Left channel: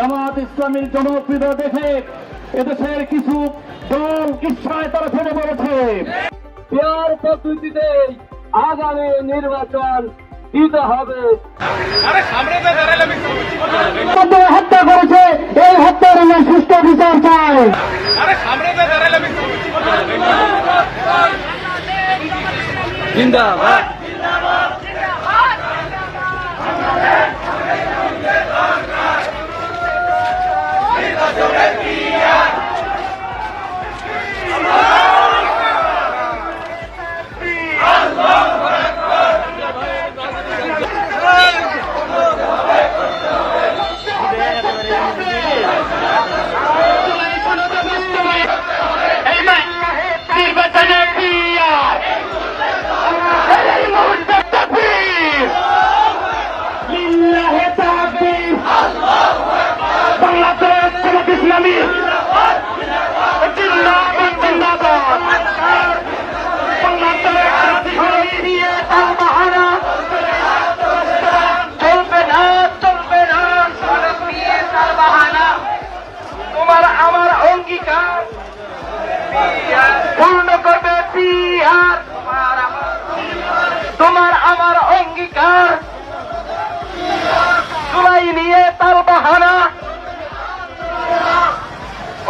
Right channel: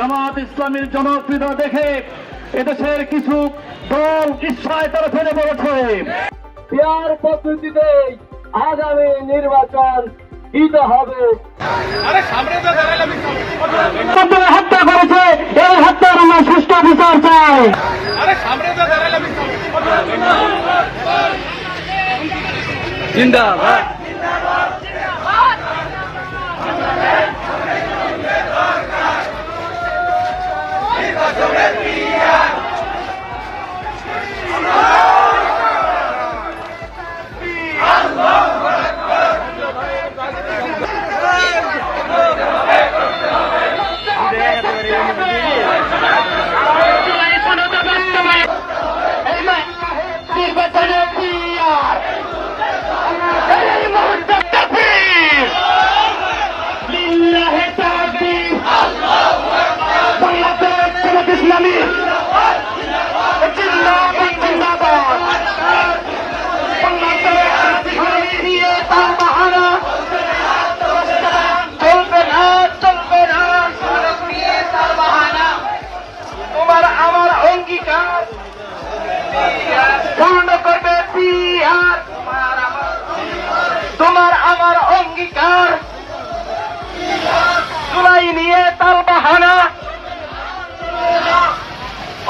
জামাত ইসলামীর জনপ্রিয়তা দেখে এদেশের কিছু দল ইচ্ছায় তারা ফেলে পড়েছে। পিয়ার পদ্ধতিতে আগামী নির্বাচন দিতে হবে। হত্যা করেছে, এই হত্যার আমরা সুষ্ঠু বিচার চাই। জিন্দাবাদ। তোমার আমার অঙ্গীকার পূর্ণ করবে পিয়ার। তোমার আমার অঙ্গীকার জুলাই নিয়ে তাল বাহানা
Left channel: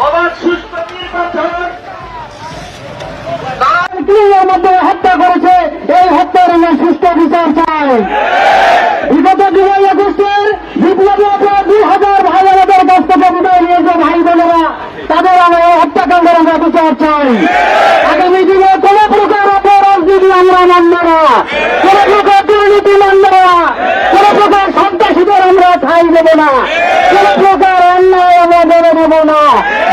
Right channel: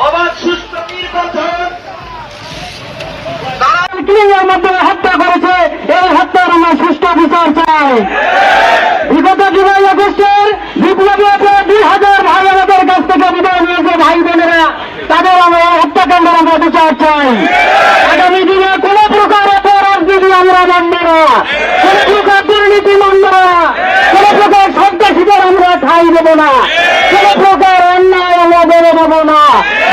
অবাধ সুস্থ নির্বাচন। মাধ্যমে হত্যা করেছে, এই হত্যার আমরা সুষ্ঠু বিচার চাই। বিগত জুলাই আগস্টের বিপ্লবী 2000 ভাই আমাদের কাছ থেকে বিদায় নিয়েছে ভাই বোনেরা, তাদের আমরা হত্যাকাণ্ডের আমরা বিচার চাই। আগামী দিনে কোন প্রকার অপরাজনীতি আমরা মানব না, কোন প্রকার দুর্নীতি মানব না, কোন প্রকার সন্ত্রাসীদের আমরা ঠাঁই দেব না, কোন প্রকার অন্যায় আমরা মেনে নেব না।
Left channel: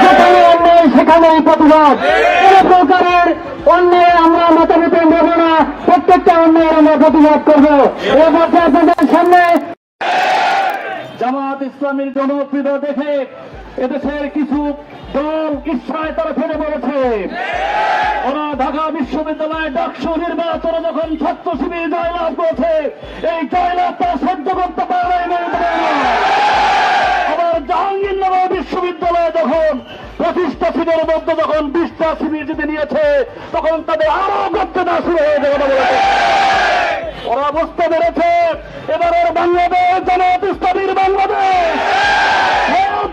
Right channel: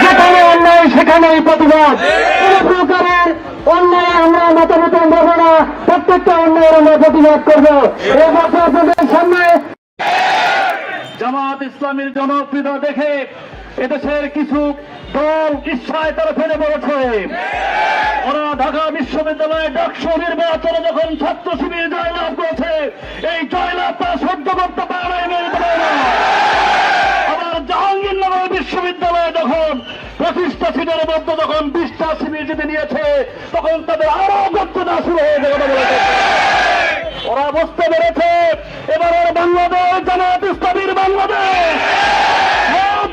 যেখানে অন্যায় সেখানেই প্রতিবাদ। কোন প্রকারের অন্যায় আমরা মতামত নেব না, প্রত্যেকটা অন্যায়ের আমরা প্রতিবাদ করবো। আপনাদের সামনে জামাত ইসলামীর জনপ্রিয়তা দেখে এদেশের কিছু দল ইচ্ছায় তারা ফেলে পড়েছে। ওরা ঢাকা বিশ্ববিদ্যালয়ে ডাকসু নির্বাচনে যখন ছাত্র শিবির জয়লাভ করেছে, এই জয়লাভ তারা সহ্য করতে পারে না, মেনে নিতে পারে না। আবার জাহাঙ্গীরনগর বিশ্ববিদ্যালয়ে যখন 25টা সিটের মধ্যে যখন 20টা শিবির জিতে নিয়েছে, তখন তাদের আরো গর্জনা শুরু হয়ে যাবে। ওরা বুঝতে পেরেছে এবারের বাংলাদেশ জামাত ইসলামীর বাংলাদেশ,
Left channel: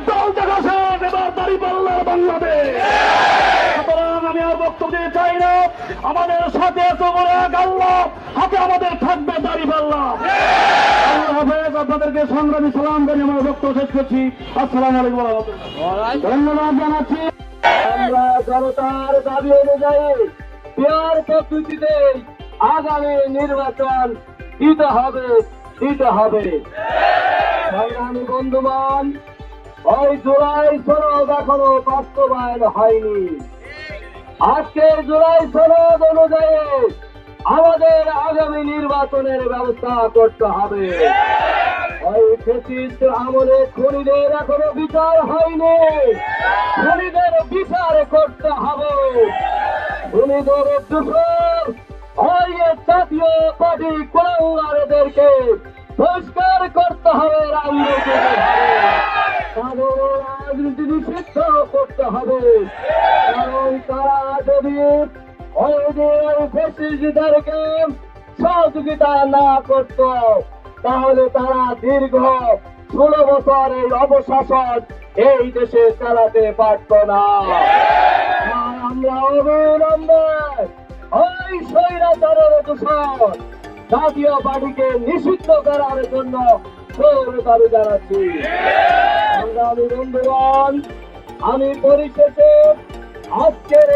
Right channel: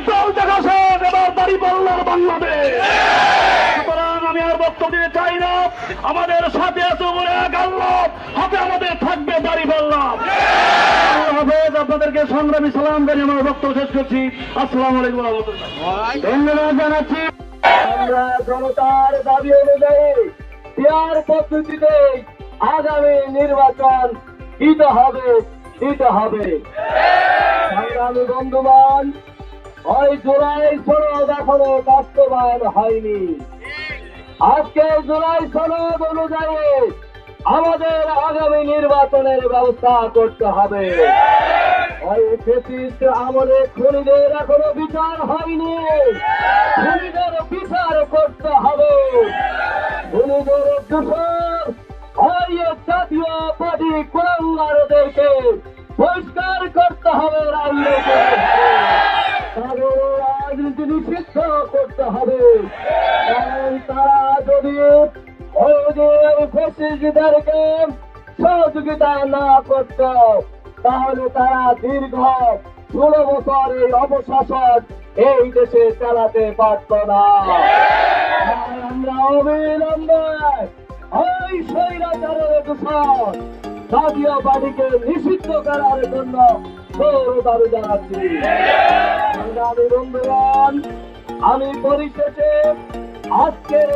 দল দেখাছে এবার দাঁড়িপাল্লার বাংলাদেশ। সুতরাং আমি আর বক্তব্য দিতে চাই না। আমাদের সাথে এত করে এক আল্লাহ, হাতে আমাদের থাকবে দাঁড়িপাল্লা। আল্লাহ হাফেজ। আপনাদেরকে সংগ্রামী সালাম জানিয়ে আমার বক্তব্য শেষ করছি। আসসালামু আলাইকুম ওয়া রাহমাতুল্লাহ। ধন্যবাদ জানাচ্ছি। আমরা জনতার দাবি অনুযায়ী পিয়ার পদ্ধতিতে আগামী নির্বাচন দিতে হবে। সংগ্রামী বন্ধুগণ, ওই জুলাই সনদ এখনো বাস্তবায়ন হয়নি। আজকে জুলাই সনদ অনুযায়ী আমাদের আগামী নির্বাচনের ব্যবস্থা করতে হবে। ওই ফ্যাসিস্ট আমলে খুনিদের এখনো বিচার হয়নি, খুনিদের বিচার করতে হবে। খুনিদের দূষণ ওই জাতীয় পার্টি কুলাঙ্গারদেরকে বহিষ্কার করতে হবে, তাদের রাজনীতি নিষিদ্ধ করতে হবে। কারণ তারা যদি ওই ফ্যাসিস্টদেরকে সহযোগিতা না করত, তাহলে তারা দীর্ঘ 16 বছর এই অপশাসন এই দেশে চালাতে পারত না। আমরা অবিলম্বে ওই স্বৈরাচারের দূষণ জাতীয় পার্টিকে নিষিদ্ধ করার জন্য দাবি জানাচ্ছি। সংগ্রামী বন্ধুগণ, আমি পরিশেষে আজকের